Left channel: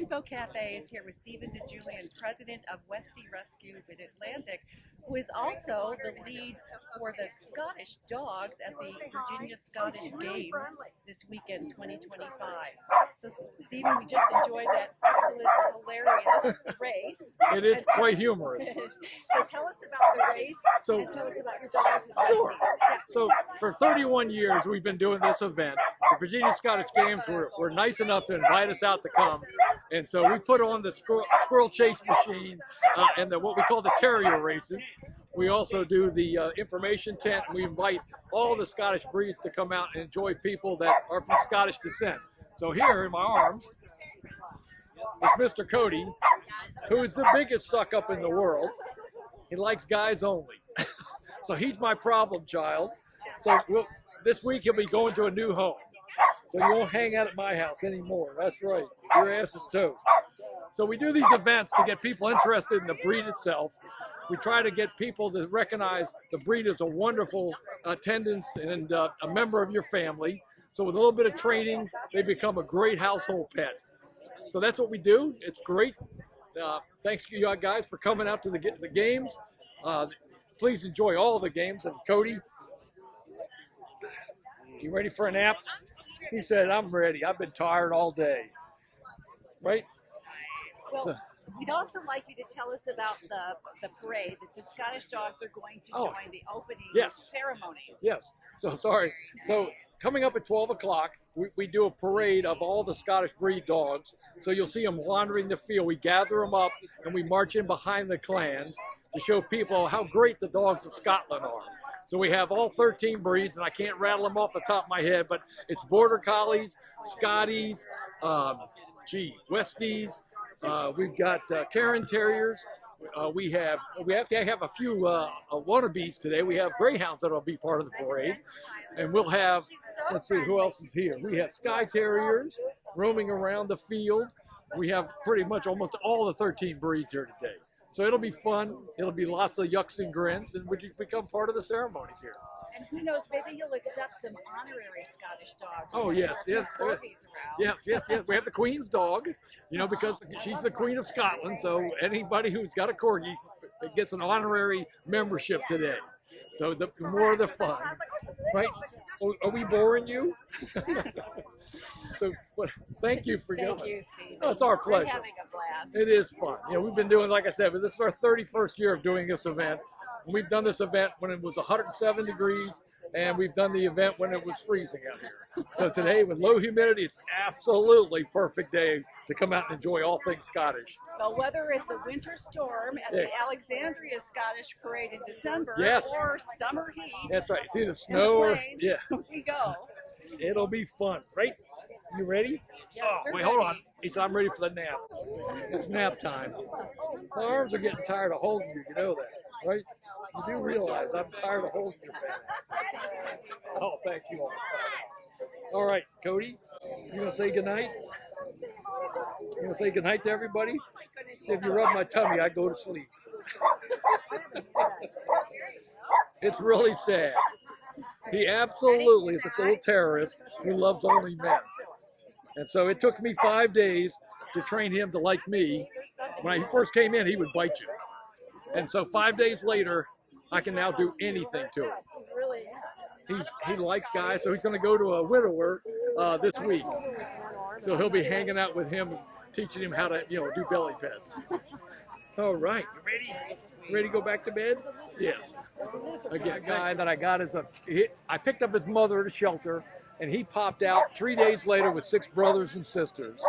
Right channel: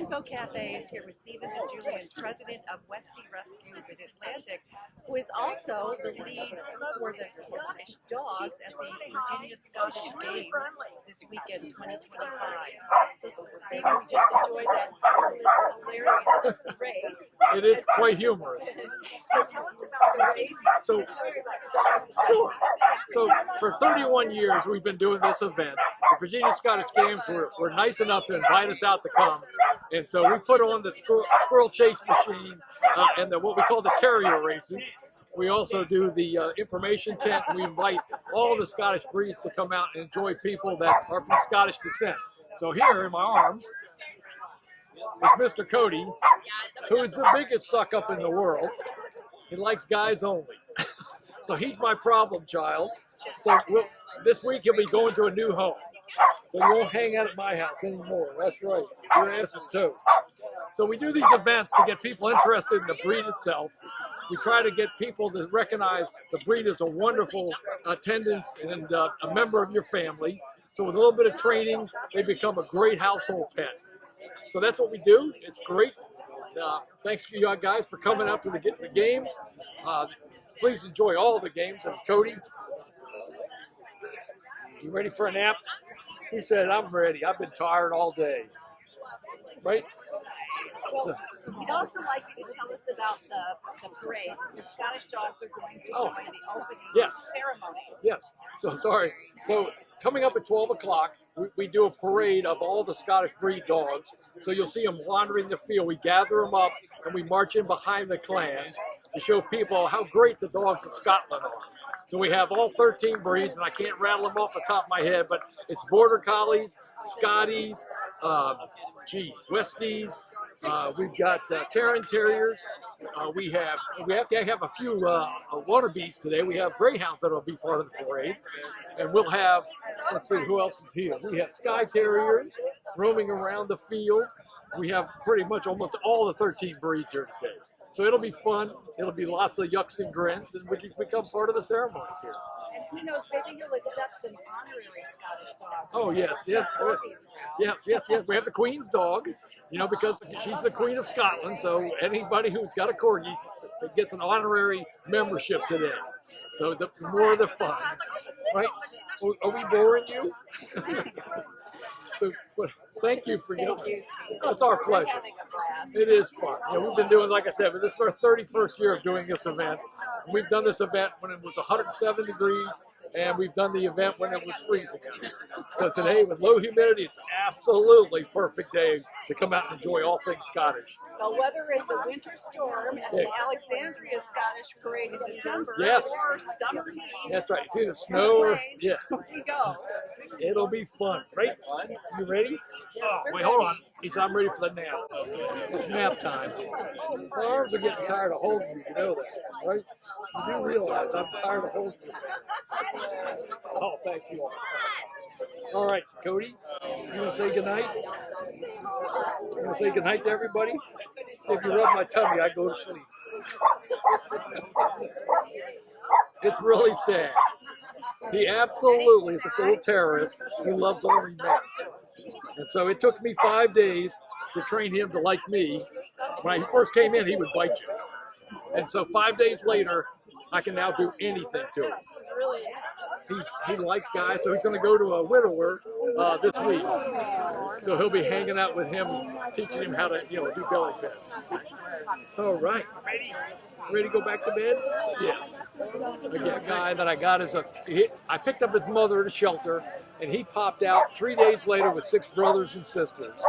and Bow Cafe is here with Stephen DeJulian, president of Westie Rescue Mid-Atlantic, who is also the lead for the Scottish Dogs at the Virginia Scottish Games this weekend, 2025. So, Stephen, we just enjoyed that excellent, hilarious race. It is quite humorous. So tell us about the race, and tell us about your dogs. Sure. So for 31 years, we've been doing this event. The Virginia Scottish Games were nice enough to invite us out to come. And so we put on the squirrel chase machine and what we call the terrier races. We also do the information tent. We invite all the Scottish breeds to come out and enjoy people that are from Scottish descent. So here in my arms is Mr. Cody, who is the biggest suck up in the world. He likes guys only. So he's my problem child. So this week he'll be going to a new home. So you won't hang out at my house anymore. That's right. Your ass is toast. So we do these events to get people interested in the breed itself. We try to get people to recognize the breed as a wonderful attendance and a member of your family. So with a little bit of training, they become a great household pet. So that's what we do. It's great. Thanks to you guys for coming out to the games. Please enjoy all the games. And Cody, you ready for a nap? He said, I'm ready. I've been tired all day. Right? Well, we'd also like you to tell us about the parade. The Scottish Dogs are going to join the opening ceremonies. Yes. So sorry. So coming up at 12 o'clock, we do a parade of all the Scottish breed dogs. So you'll see them wandering the field. We gather them up and we march in behind the clans to show people how great the dogs of Scotland are. So we have all 13 breeds, and I can't rattle them off the top of my head, but it's Border Collies, Scotties, Westies. We've got Cairn Terriers. We have to have a few wannabes today. We have Greyhounds that will be part of the parade. And we'll have, let's see, who else is here? We have Skye Terriers roaming around the field. We have pretty much almost all the 13 breeds here today. So it'll be fun. It'll be lots of yucks and grins, and we can become part of the ceremonies here. And who knows, maybe you'll accept some honorary Scottish dogs. Oh, yes. We have the Queen's dog, because she's the Queen of Scotland. So anybody who's got a corgi gets an honorary membership today. So the more the fun, right? Are we boring you? So, thank you for Thank you, Steve. Oh, it's our pleasure. We're having a blast. It is fun. We've been doing, like I said, but this is our 31st year of doing this event. We've done this event when it was 107 degrees, and we've done the event when it was freezing out. So today, with low humidity, it's absolutely perfect day to come out and enjoy all things Scottish. Well, whether it's a winter storm at the Alexandria Scottish Parade in December or summer heat. That's right. It's either snow or we go. It'll be fun, right? You ready? Yes, wait, hold on. He said, I'm ready for the nap. It's nap time. My arms are getting tired of holding you. You know that, right? You do realize I'm tired of holding you. Oh, thank you all. All right, Cody, you want to say goodnight? You want to say goodnight to everybody? See, if you rub my tummy, I go to sleep. It's really sad. He absolutely is a little terrorist who loves only men. And so it took me 5 days to train him to like me. When he first came in, he would bite you. And so 5 days later, I can now do anything to him. He likes guys, so he's going to go to a widower this week. So he'll be hanging out with him, teaching him how to, do belly pets. All right, ready to go back to bed? Yes. Again, guy that I got I picked up his mother at a shelter, and he popped out 3 days later with 6 brothers and sisters.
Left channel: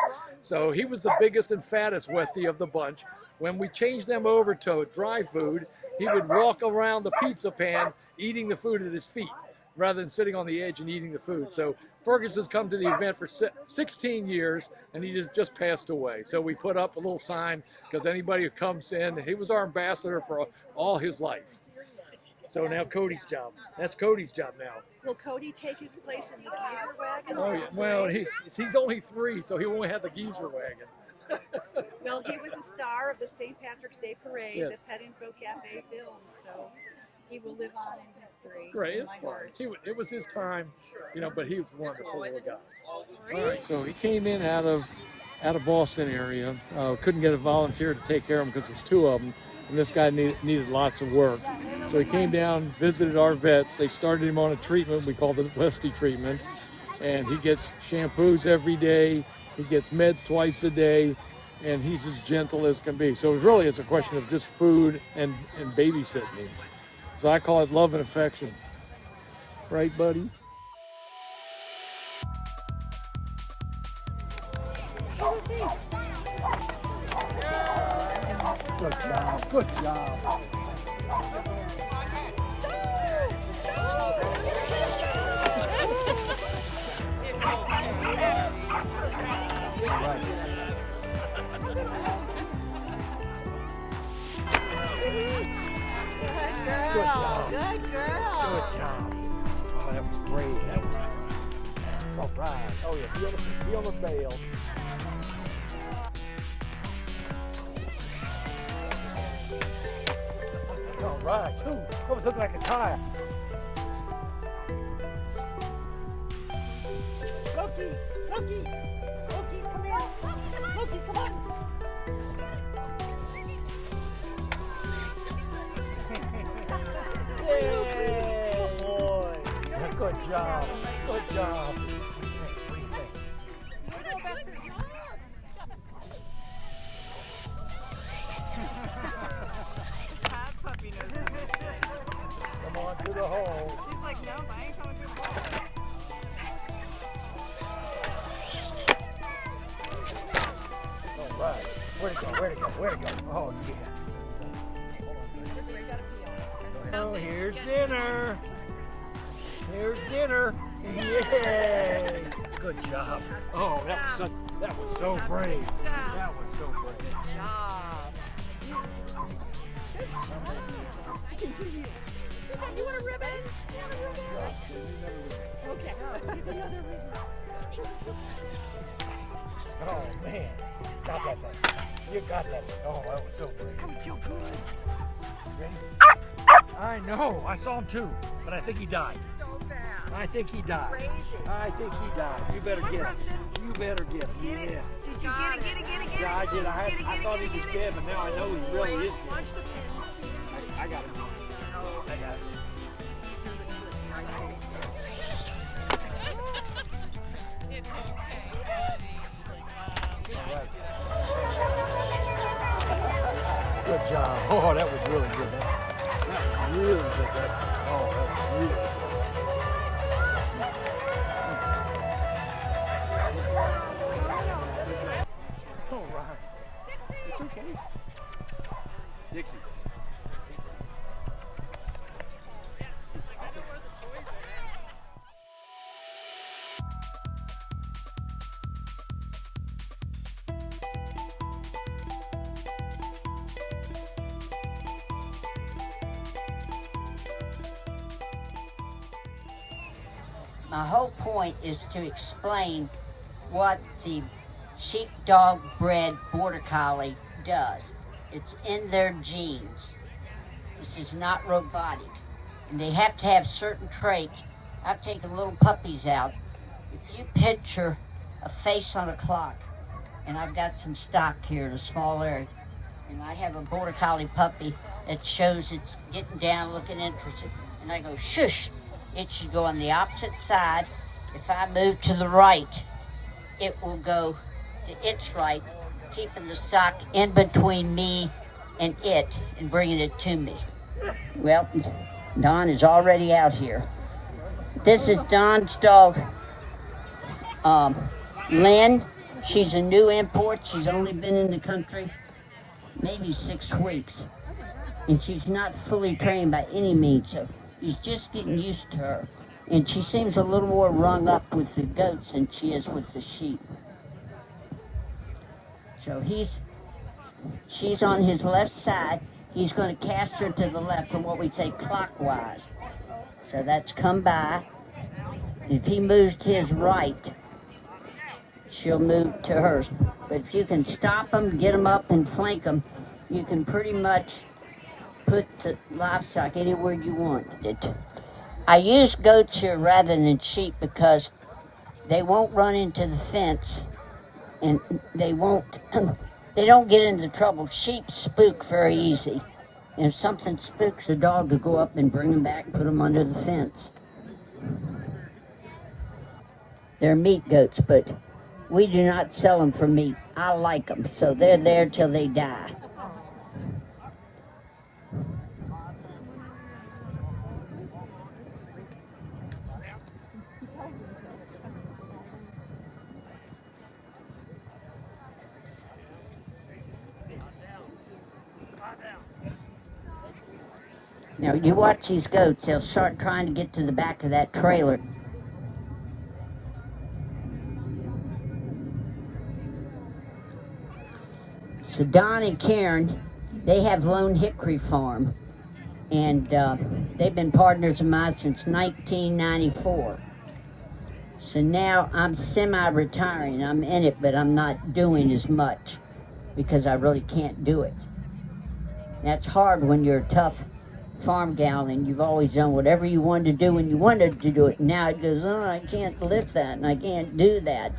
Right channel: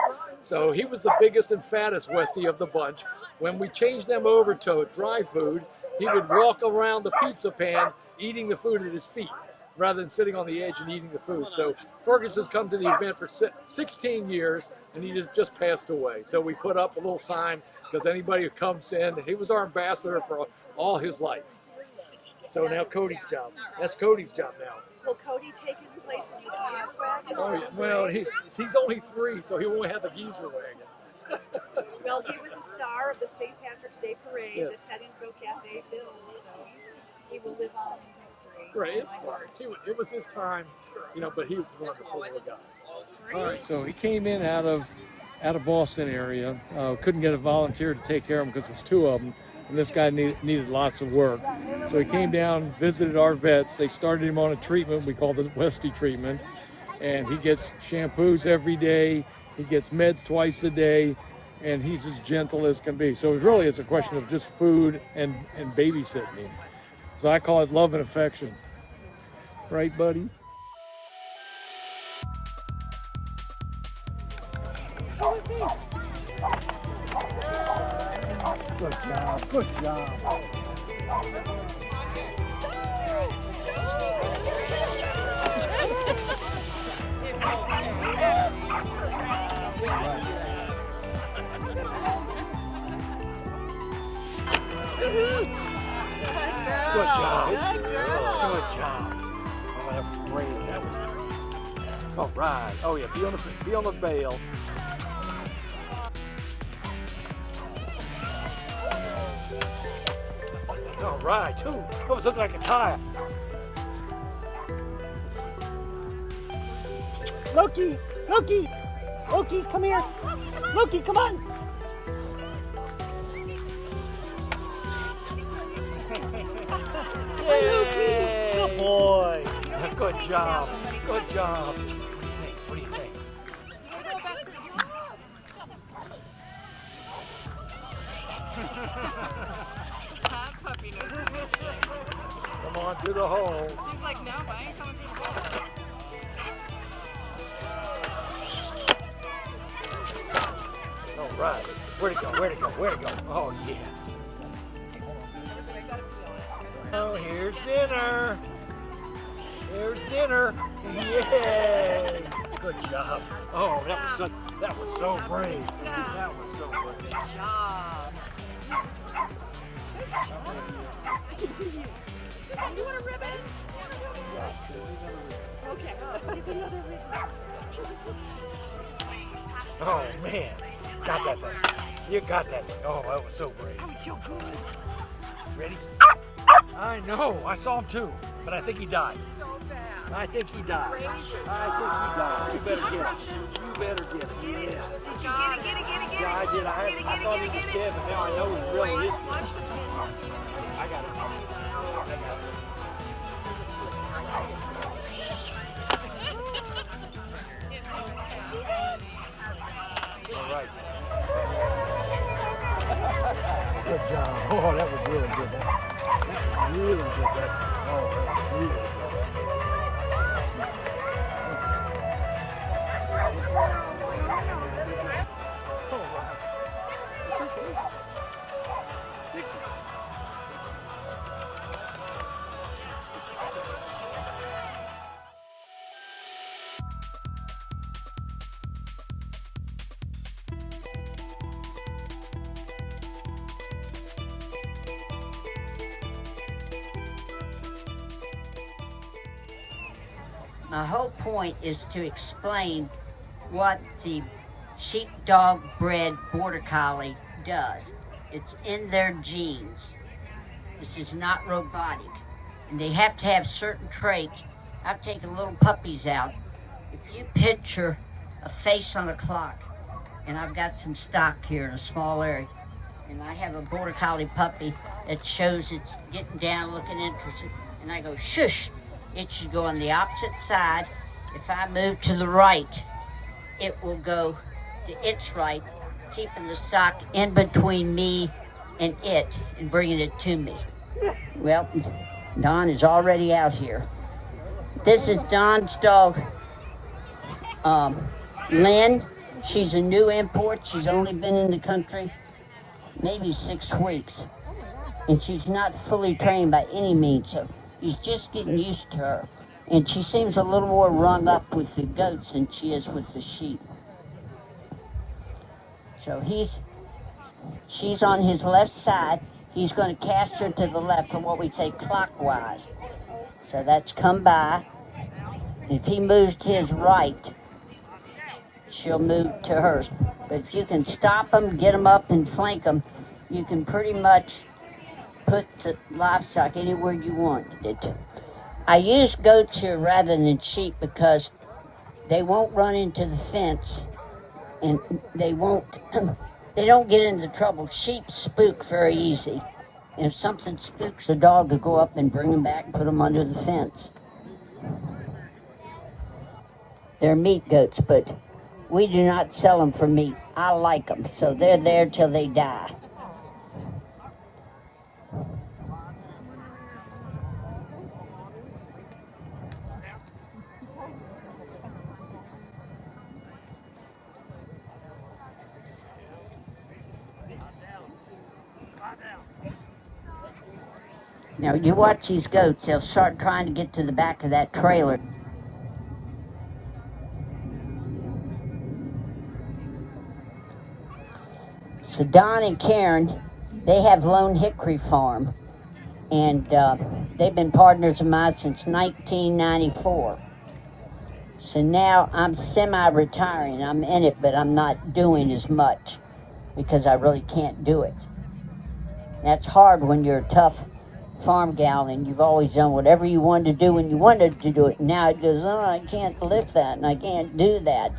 So he was the biggest and fattest Westie of the bunch. When we changed them over to dry food, he would walk around the pizza pan eating the food at his feet, rather than sitting on the edge and eating the food. So Fergus has come to the event for 16 years, and he just passed away. So we put up a little sign, because anybody who comes in, he was our ambassador for all his life. So now Cody's job. That's Cody's job now. Will Cody take his place in the geezer wagon? Oh, yeah. Well, he's only 3, so he won't have the geezer wagon. Well, he was a star of the St. Patrick's Day Parade that Pet Info Cafe filmed, so he will live on in history. Right. It was his time, but he was wonderful little guy. All right. So he came in out of out of Boston area. Couldn't get a volunteer to take care of them because there's 2 of them, and this guy needed lots of work. So he came down, visited our vets. They started him on a treatment we call the Westy treatment, and he gets shampoos every day. He gets meds twice a day, and he's as gentle as can be. So really it's a question of just food and babysitting him. So I call it love and affection. Right, buddy? Good job, good job. Good job. Good job. Oh, that was great. That was... All right. Oh yeah, be on the bail. All right. Ooh, that was something like a tire. Loki, Loki, Loki, come here. Loki, come on. Yay! Good boy. Good job. Good job. What do you think? Come on to the hole. All right. Where'd it go? Where'd it go? Where'd it go? Oh, yeah. Oh, here's dinner. Here's dinner. Yay! Good job. Oh, that was so brave. That was so brave. Good job. You want a ribbon? Okay. It's another ribbon. Oh man, got that thing. You got that thing. Oh, that was so brave. Ready? I know. I saw him too, but I think he died. So bad. I think he died. I think he died. You better get it. You better get it. Get it? Yeah. Did you get it? Get it? Get it? Get it? Yeah, I did. I thought he was dead, but now I know he really is. Watch the. I got it. I got it. All right. Good job. Oh, that was really good. That was really good. Oh, that was really good. Dixie. My whole point is to explain what the sheepdog bred border collie does. It's in their genes. This is not robotic. And they have to have certain traits. I've taken little puppies out. If you picture a face on a clock, and I've got some stock here in a small area, and I have a border collie puppy that shows it's getting down, looking interested, and I go, shush, it should go on the opposite side. If I move to the right, it will go to its right, keeping the stock in between me and it and bringing it to me. Well, Dawn is already out here. This is Dawn's dog, Lynn. She's a new import. She's only been in the country maybe 6 weeks. And she's not fully trained by any means, so he's just getting used to her. And she seems a little more rung up with the goats than she is with the sheep. So she's on his left side. He's going to cast her to the left, or what we say clockwise. So that's come by. If he moves to his right, she'll move to hers. But if you can stop him, get him up and flank him, you can pretty much put the livestock anywhere you want it. I use goats here rather than sheep because they won't run into the fence and they won't, they don't get into trouble. Sheep spook very easy. And if something spooks a dog, to go up and bring them back and put them under the fence. They're meat goats, but we do not sell them for meat. I like them, so they're there till they die. Now, you watch these goats, they'll start trying to get to the back of that trailer. So Don and Karen, they have Lone Hickory Farm, and they've been partners of mine since 1994. So now I'm semi-retiring. I'm in it, but I'm not doing as much because I really can't do it. That's hard when you're a tough farm gal and you've always done whatever you wanted to do when you wanted to do it. Now it goes, oh, I can't lift that and I can't do that.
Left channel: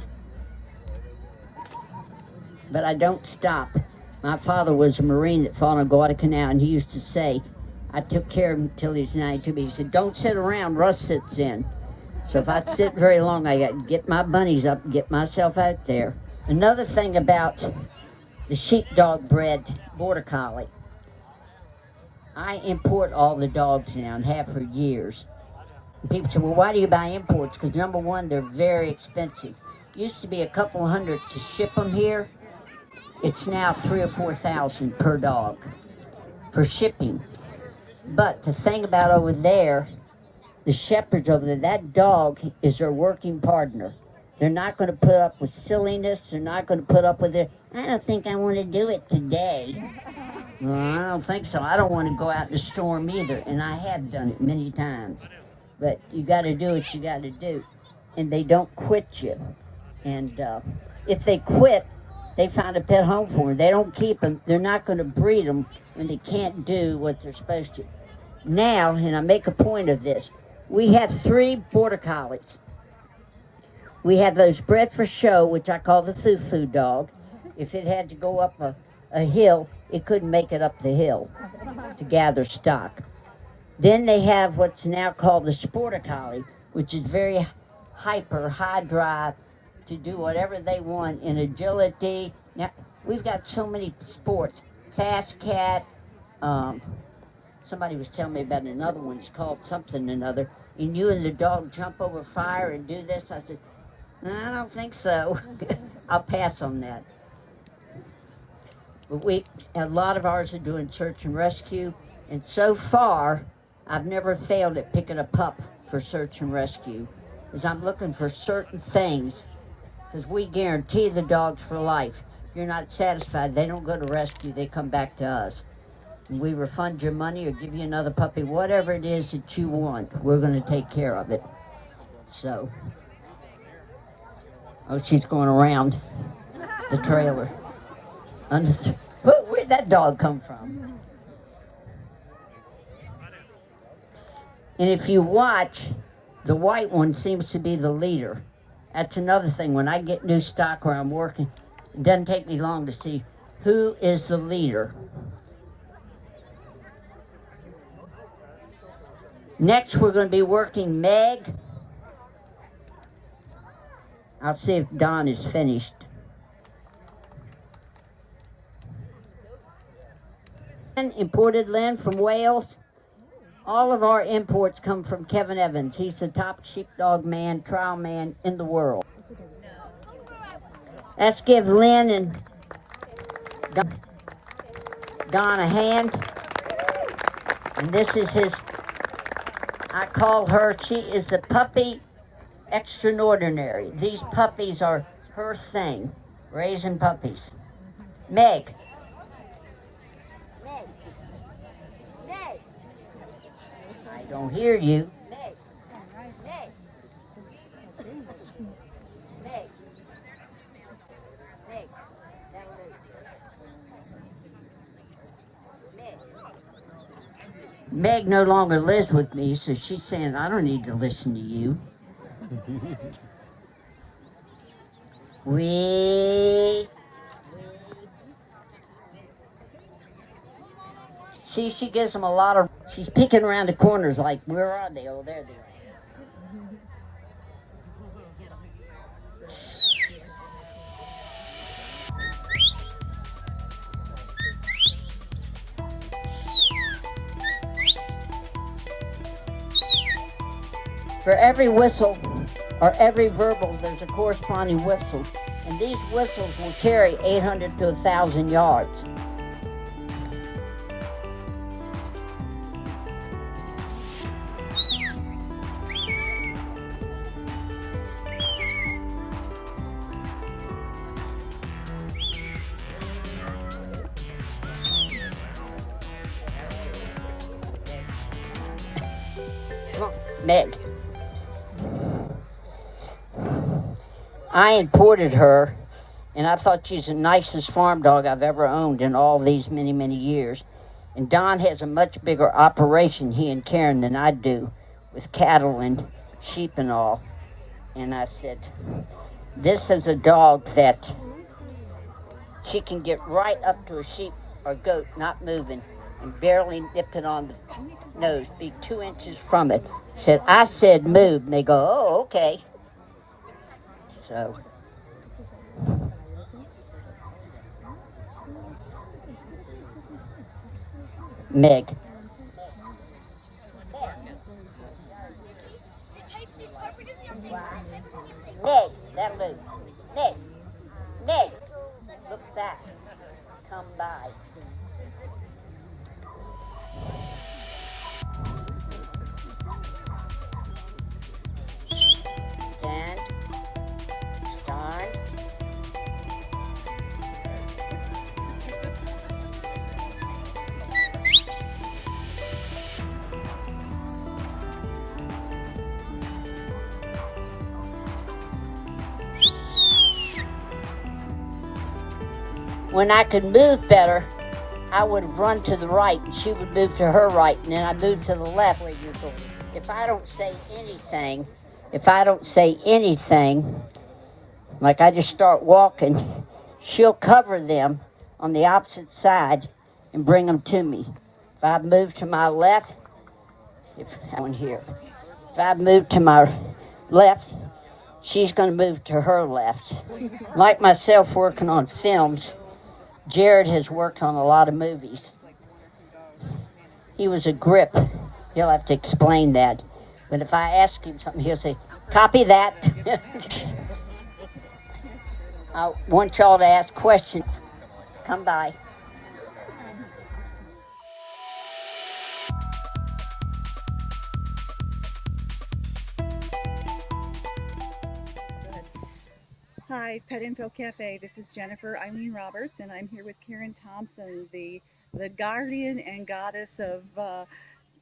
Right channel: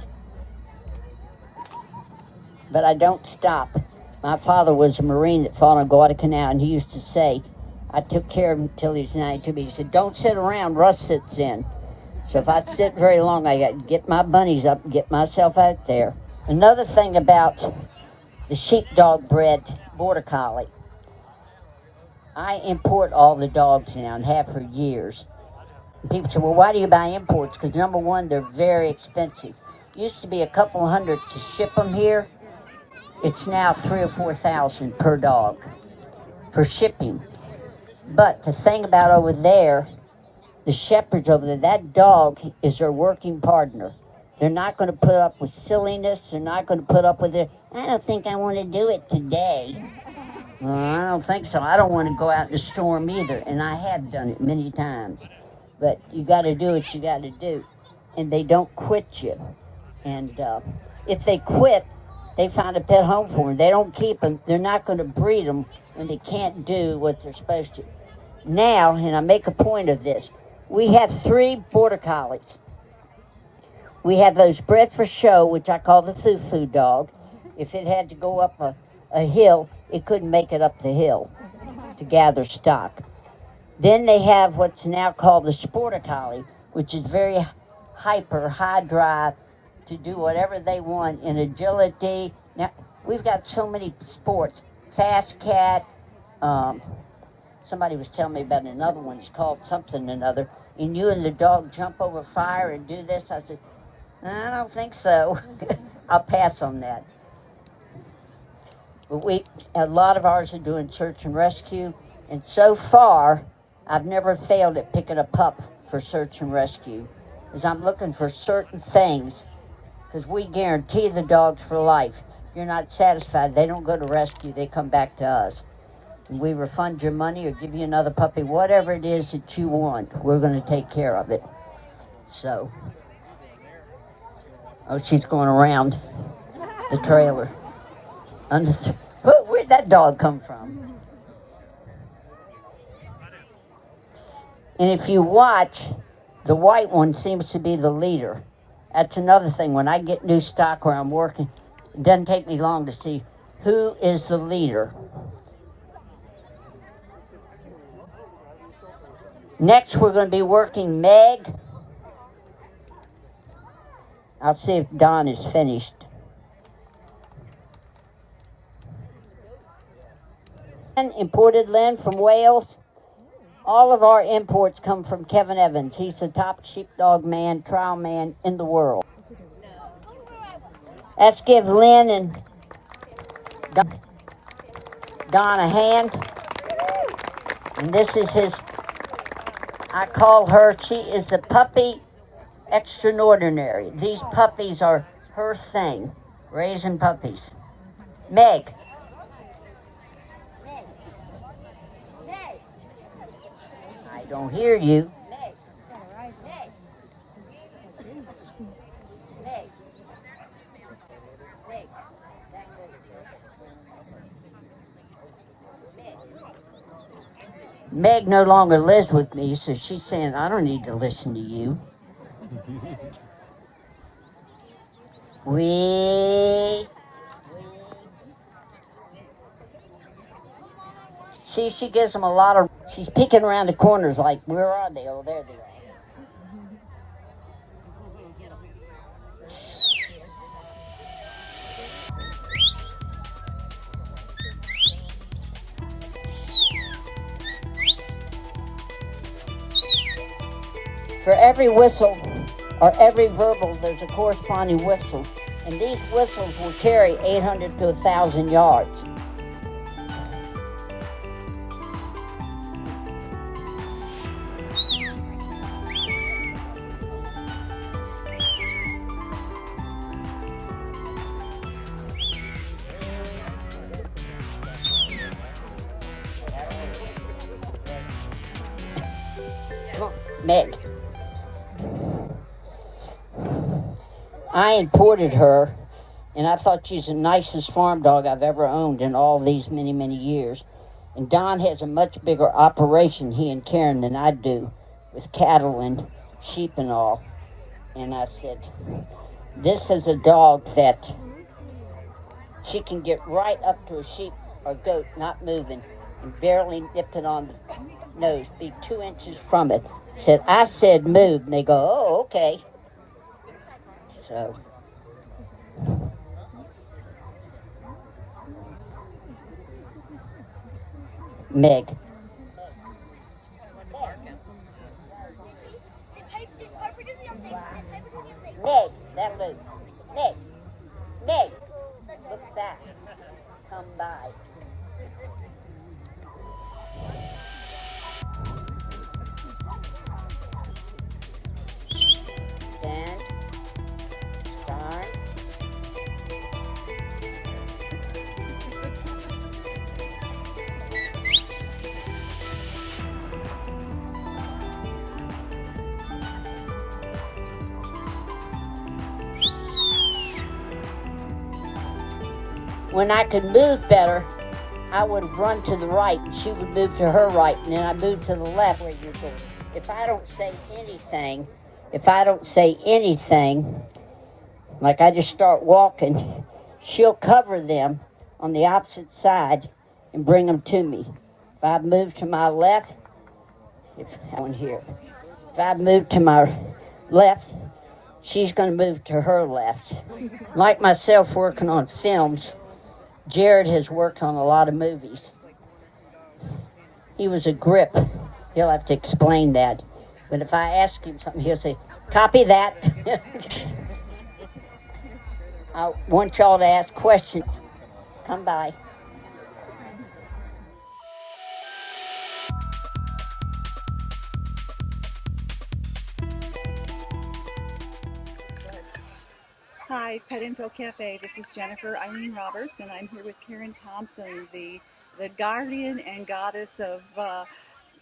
But I don't stop. My father was a Marine that fought on Guadalcanal, and he used to say, I took care of him until he was 92, but he said, don't sit around, Russ sits in. So if I sit very long, I got to get my bunnies up and get myself out there. Another thing about the sheepdog bred Border Collie, I import all the dogs now and have for years. And people say, well, why do you buy imports? Because number one, they're very expensive. It used to be a couple hundred to ship them here. It's now $3,000 or $4,000 per dog for shipping. But the thing about over there, the shepherds over there, that dog is their working partner. They're not going to put up with silliness. They're not going to put up with it. I don't think I want to do it today. Well, I don't think so. I don't want to go out in the storm either. And I have done it many times. But you got to do what you got to do. And they don't quit you. And if they quit, they find a pet home for them. They don't keep them. They're not going to breed them when they can't do what they're supposed to. Now, and I make a point of this, we have 3 Border Collies. We have those bred for show, which I call the foo-foo dog. If it had to go up a hill, it couldn't make it up the hill to gather stock. Then they have what's now called the Sporter Collie, which is very hyper, high drive, to do whatever they want in agility. Now, we've got so many sports. Fast Cat, somebody was telling me about another one, it's called something another, and you and the dog jump over fire and do this. I said, I don't think so. I'll pass on that. But a lot of ours are doing search and rescue, and so far, I've never failed at picking a pup for search and rescue, because I'm looking for certain things, because we guarantee the dogs for life. If you're not satisfied, they don't go to rescue, they come back to us. And we refund your money or give you another puppy, whatever it is that you want, we're going to take care of it. So, oh, she's going around the trailer. Where'd that dog come from? And if you watch, the white one seems to be the leader. That's another thing. When I get new stock where I'm working, it doesn't take me long to see who is the leader. Next, we're going to be working Meg. I'll see if Don is finished. Imported Lynn from Wales. All of our imports come from Kevin Evans. He's the top sheepdog man, trial man in the world. Let's give Lynn and Don a hand. And this is his, I call her, she is the puppy extraordinary. These puppies are her thing, raising puppies. Meg. I don't hear you. Meg no longer lives with me, so she's saying, I don't need to listen to you. Wee. See, she gives them a lot of. She's peeking around the corners like, where are they? Oh, there they are. For every whistle or every verbal, there's a corresponding whistle, and these whistles will carry 800 to 1,000 yards. Meg. I imported her, and I thought she's the nicest farm dog I've ever owned in all these many, many years. And Don has a much bigger operation, he and Karen, than I do, with cattle and sheep and all. And I said, this is a dog that she can get right up to a sheep or goat not moving and barely nip it on the nose, be 2 inches from it. I said move, and they go, oh, okay. So Meg. Meg, that move. Meg, Meg, look back, come by. Stand, start. When I could move better, I would run to the right, and she would move to her right, and then I move to the left. If I don't say anything, like I just start walking, she'll cover them on the opposite side and bring them to me. If I move to my left, if I move to my left, she's going to move to her left. Like myself working on films, Jared has worked on a lot of movies. He was a grip. He'll have to explain that. But if I ask him something, he'll say, copy that. I want y'all to ask questions. Come by. Hi, Pet Info Cafe. This is Jennifer Eileen Roberts, and I'm here with Karen Thompson, the guardian and goddess of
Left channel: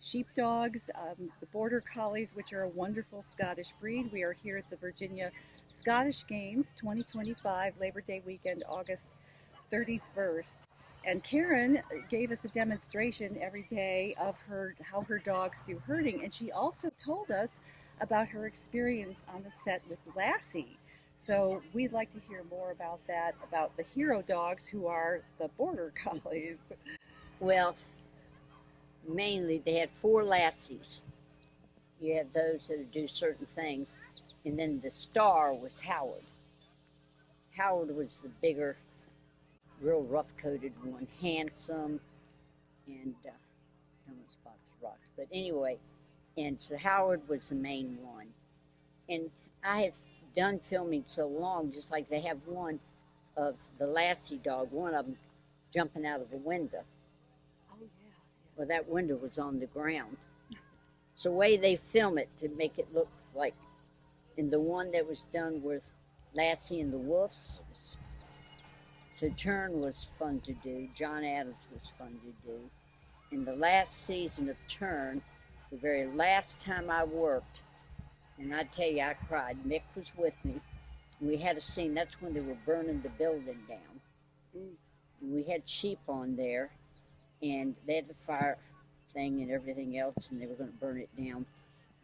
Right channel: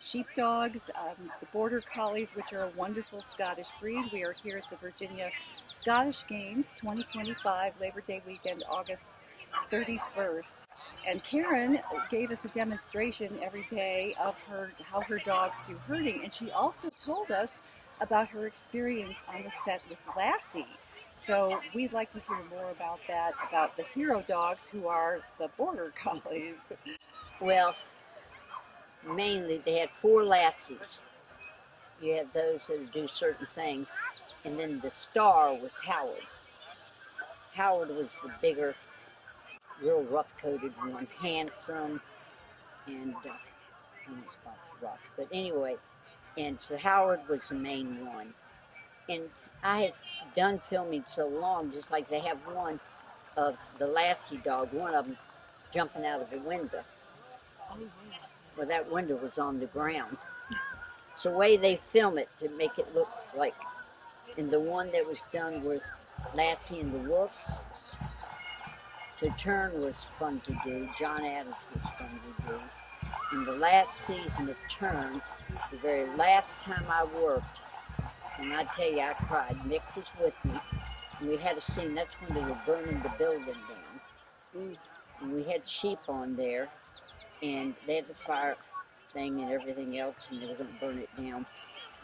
sheepdogs, the Border Collies, which are a wonderful Scottish breed. We are here at the Virginia Scottish Games 2025, Labor Day weekend, August 31st. And Karen gave us a demonstration every day of how her dogs do herding, and she also told us about her experience on the set with Lassie. So we'd like to hear more about that, about the hero dogs who are the Border Collies. Well, mainly they had 4 Lassies. You have those that do certain things. And then the star was Howard. Howard was the bigger, real rough-coated one, handsome, and almost rough. But anyway, and so Howard was the main one. And I have done filming so long, just like they have one of the Lassie dog, one of them jumping out of the window. Well, that window was on the ground. So the way they film it to make it look like, and the one that was done with Lassie and the Wolves, so Turn was fun to do, John Adams was fun to do. In the last season of Turn, the very last time I worked, and I tell you, I cried. Nick was with me, and we had a scene. That's when they were burning the building down. And we had sheep on there, and they had the fire thing and everything else, and they were going to burn it down.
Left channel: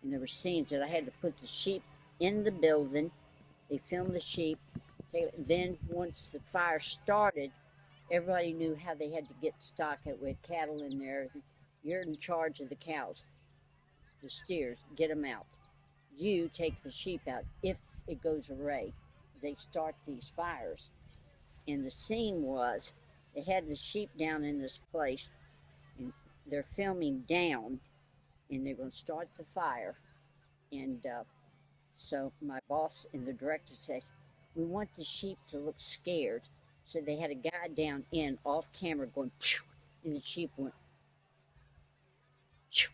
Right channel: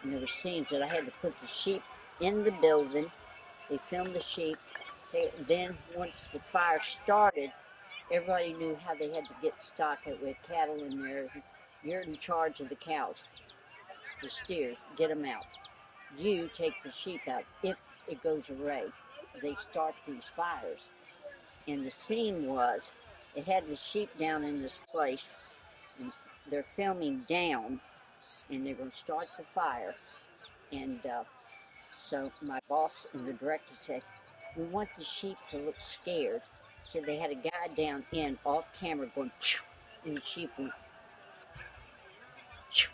And there were scenes that I had to put the sheep in the building. They filmed the sheep, Then once the fire started, everybody knew how they had to get stock with cattle in there. You're in charge of the cows, the steers, get them out. You take the sheep out if it goes array. They start these fires. And the scene was, they had the sheep down in this place, and they're filming down, and they're going to start the fire. And so my boss and the director said, we want the sheep to look scared. So they had a guy down in off camera going, phew, and the sheep went, phew.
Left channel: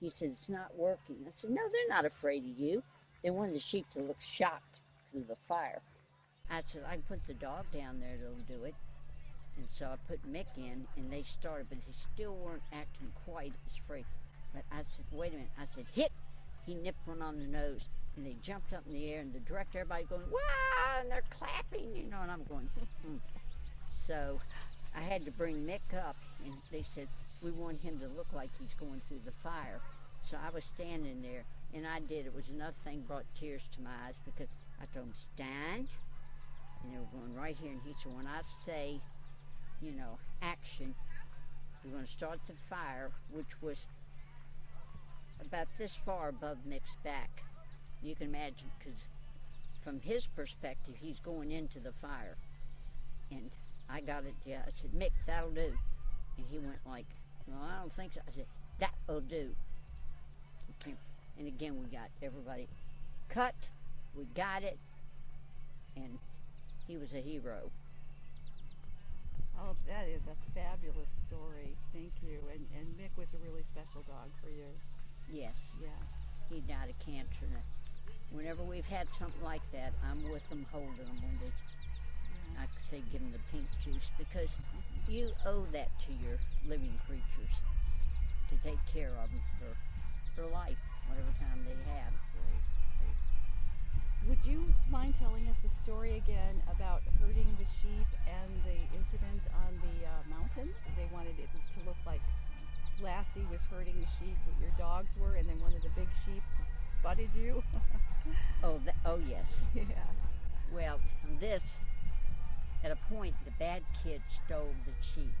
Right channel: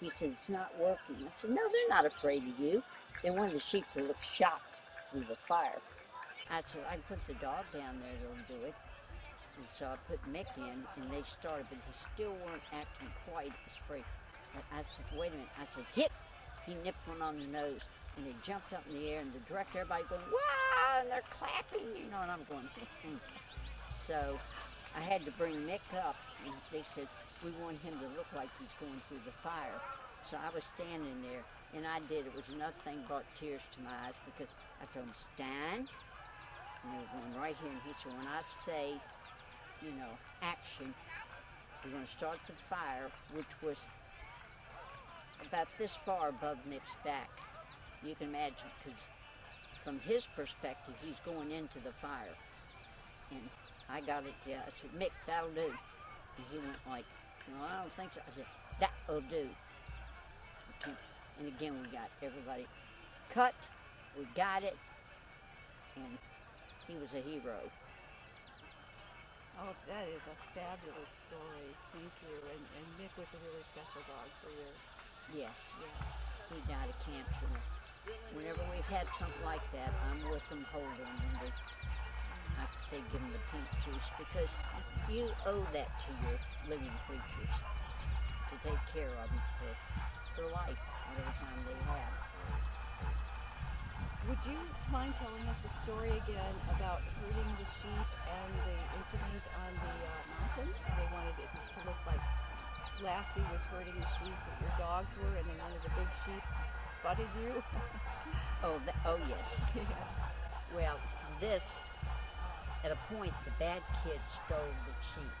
He said, it's not working. I said, no, they're not afraid of you. They wanted the sheep to look shocked through the fire. I said, I put the dog down there that'll do it. And so I put Mick in, and they started, but they still weren't acting quite as afraid. But I said, wait a minute. I said, hit. He nipped one on the nose, and they jumped up in the air, and the director, everybody going, wow, and they're clapping, you know, and I'm going, So I had to bring Mick up, and they said, we want him to look like he's going through the fire. So I was standing there, and I did. It was another thing brought tears to my eyes, because I told him, stand, and they were going right here, and he said, when I say, you know, action, we're going to start the fire, which was about this far above Mick's back. You can imagine, because from his perspective, he's going into the fire. And I got it, I said, Mick, that'll do. And he went like, no, I don't think so. I said, that'll do. And again, we got everybody cut, we got it, and he was a hero. Oh, that is a fabulous story. Thank you. And Mick was a really special dog for you. Yes, Yeah. he died of cancer. Whenever we've had something like that, I'm with them, holding them. When they, I say give them the pink juice, because you owe that to your living creatures to take care of them for life, whatever time they have. Would you mind telling us a story again about herding the sheep and the incident on the mountain? They wanted it to look like Lassie was herding the sheep, but your dogs were, and then one of the big sheep butted you. Oh yes. Yeah. Well, this, at a point, the bad kids stole the sheep.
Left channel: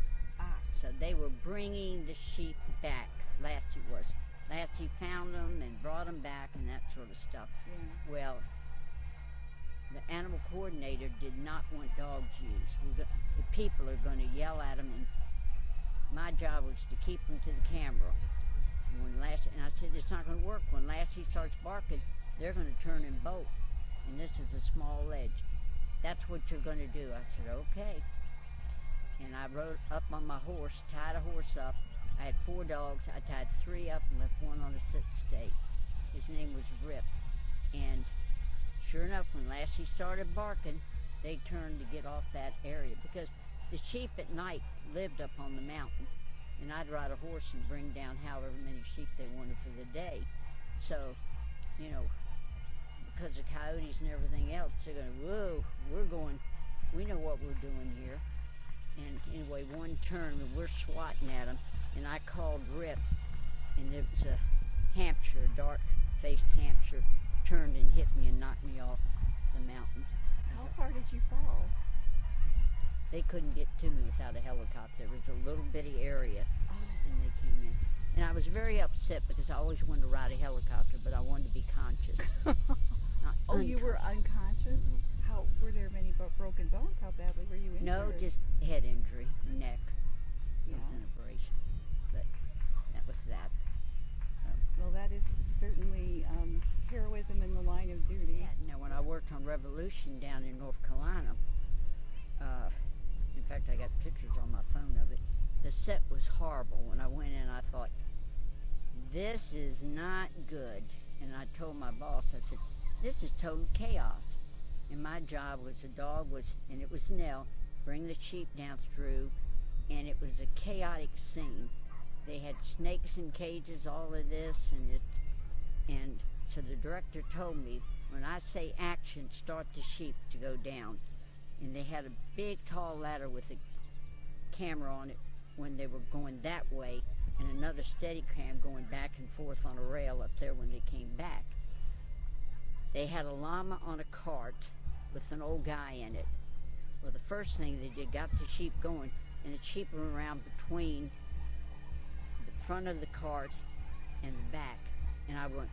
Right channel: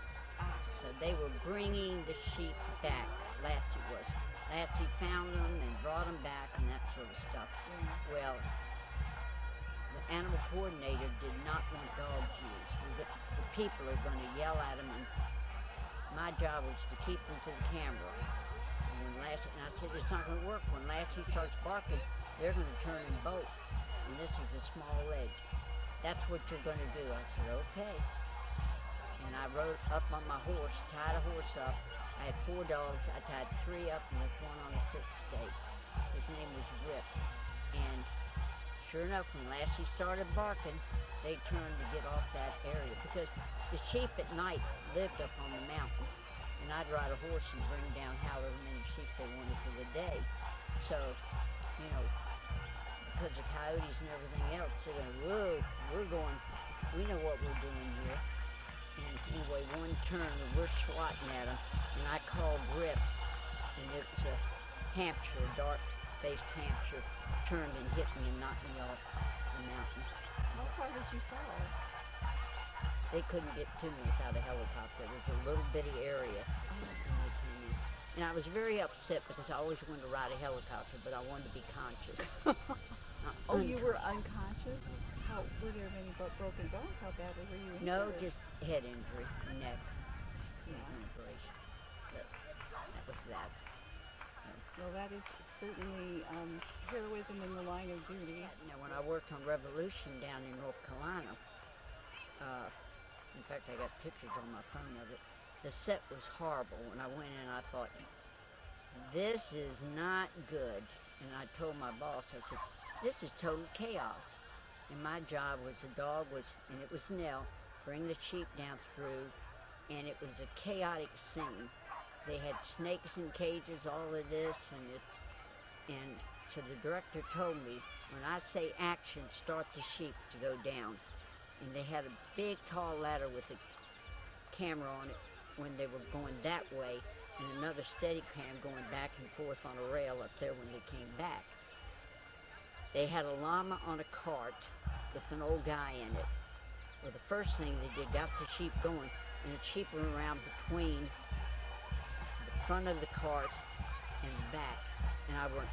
So they were bringing the sheep back. Lassie was. Lassie found them and brought them back and that sort of stuff. Well, the animal coordinator did not want dogs used. The people are going to yell at them, and my job was to keep them to the camera. And I said, it's not going to work. When Lassie starts barking, they're going to turn and bolt. And this is a small ledge. That's what you're going to do. I said, okay. And I rode up on my horse, tied a horse up. I had 4 dogs. I tied 3 up and left one on a sit stake. His name was Rip. And sure enough, when Lassie started barking, they turned to get off that area. Because the sheep at night lived up on the mountain. And I'd ride a horse and bring down however many sheep they wanted for the day. So, you know, because of coyotes and everything else, they're going, whoa, we know what we're doing here. And anyway, one turn, we're swatting at them, and I called Rip, and it was a Hampshire, dark-faced Hampshire, turned and hit me and knocked me off the mountain. How far did you fall? They couldn't get to me without a helicopter. It was a little bitty area. And I was very upset because I always wanted to ride a helicopter, but I wanted to be conscious. Oh, you were unconscious? How were there many broken bones? How badly were you injured? No, just head injury, neck, Yeah. and a brace. But that was that. Well, that is certainly heroism in the line of duty. Now, when I worked on Revolution down in North Carolina, in fact, I got pictures on my phone of it. The set was horrible. When I went in, I thought, this is not good. And I told my boss, I said, this is total chaos. And my job was, the dog was, and it was Nell, bring the sheep down through, and it was a chaotic scene. They had snakes in cages, all of this, and so the director told me, when I say action, start the sheep to go down. And they had a big, tall ladder with a camera on it when they were going that way, and another steady cam going back and forth on a rail up there when they came back. They had a llama on a cart. with an old guy in it. Well, the first thing they did, got the sheep going, and the sheep went around between the front of the cart and the back. And I went,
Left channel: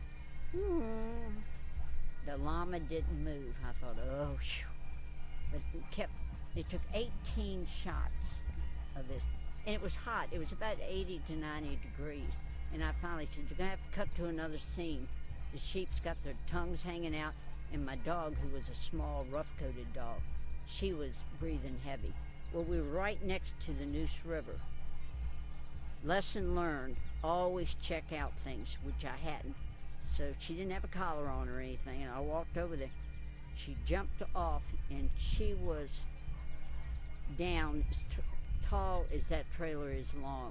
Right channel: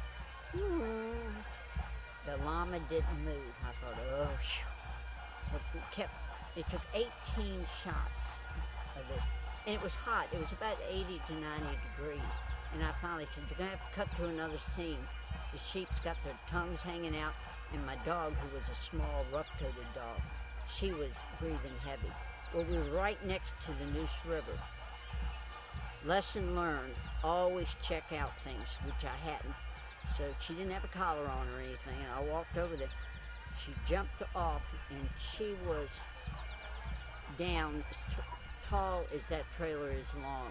the llama didn't move. I thought, oh, phew. It took 18 shots of this. And it was hot. It was about 80 to 90 degrees. And I finally said, you're going to have to cut to another scene. The sheep's got their tongues hanging out, and my dog, who was a small, rough-coated dog, she was breathing heavy. Well, we were right next to the Neuse River. Lesson learned, always check out things, which I hadn't. So she didn't have a collar on or anything, and I walked over there. She jumped off, and she was down as tall as that trailer is long,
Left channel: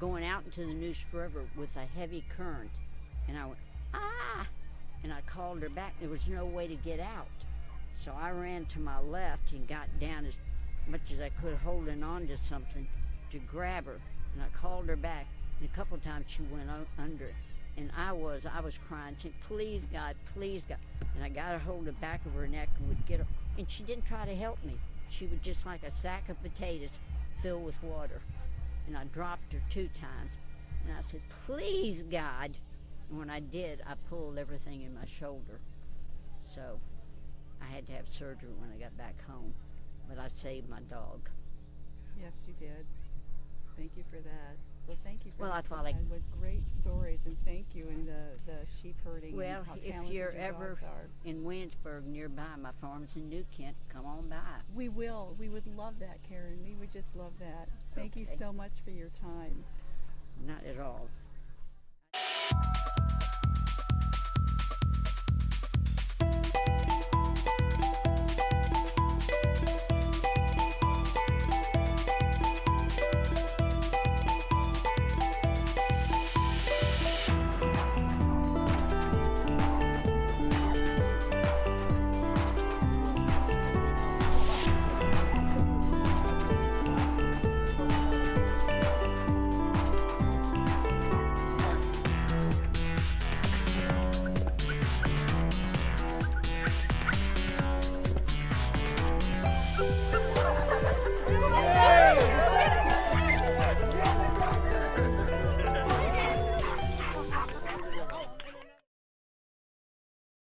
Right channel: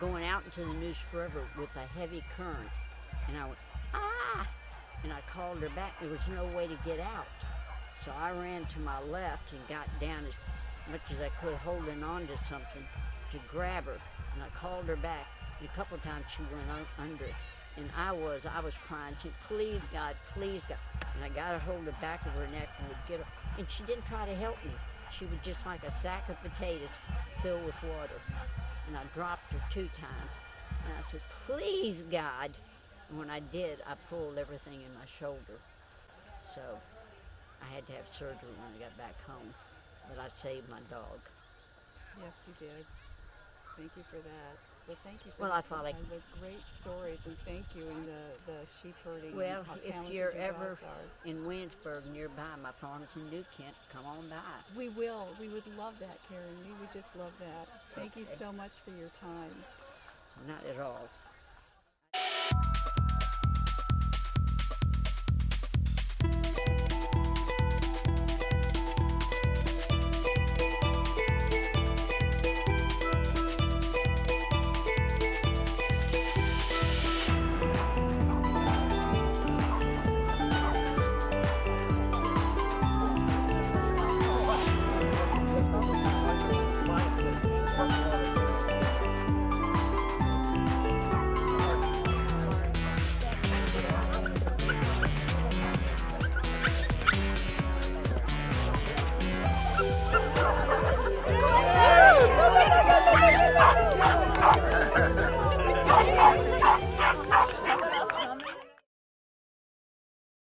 going out into the Neuse River with a heavy current. And I went, ah! And I called her back. There was no way to get out. So I ran to my left and got down as much as I could, holding on to something to grab her. And I called her back. And a couple of times she went under it. And I was crying, saying, please God, please God. And I got her hold the back of her neck and would get her. And she didn't try to help me. She was just like a sack of potatoes filled with water. And I dropped her 2 times. And I said, please God. And when I did, I pulled everything in my shoulder. So I had to have surgery when I got back home. But I saved my dog. Yes, you did. Thank you for that. Well, thank you for Well, I thought I... with great stories, and thank you, and the sheep herding. Well, and how if talented you're your ever dogs are. in Williamsburg nearby, my farm's in New Kent, come on by. We will. We would love that, Karen. We would just love that. Thank you so much for your time. Not at all.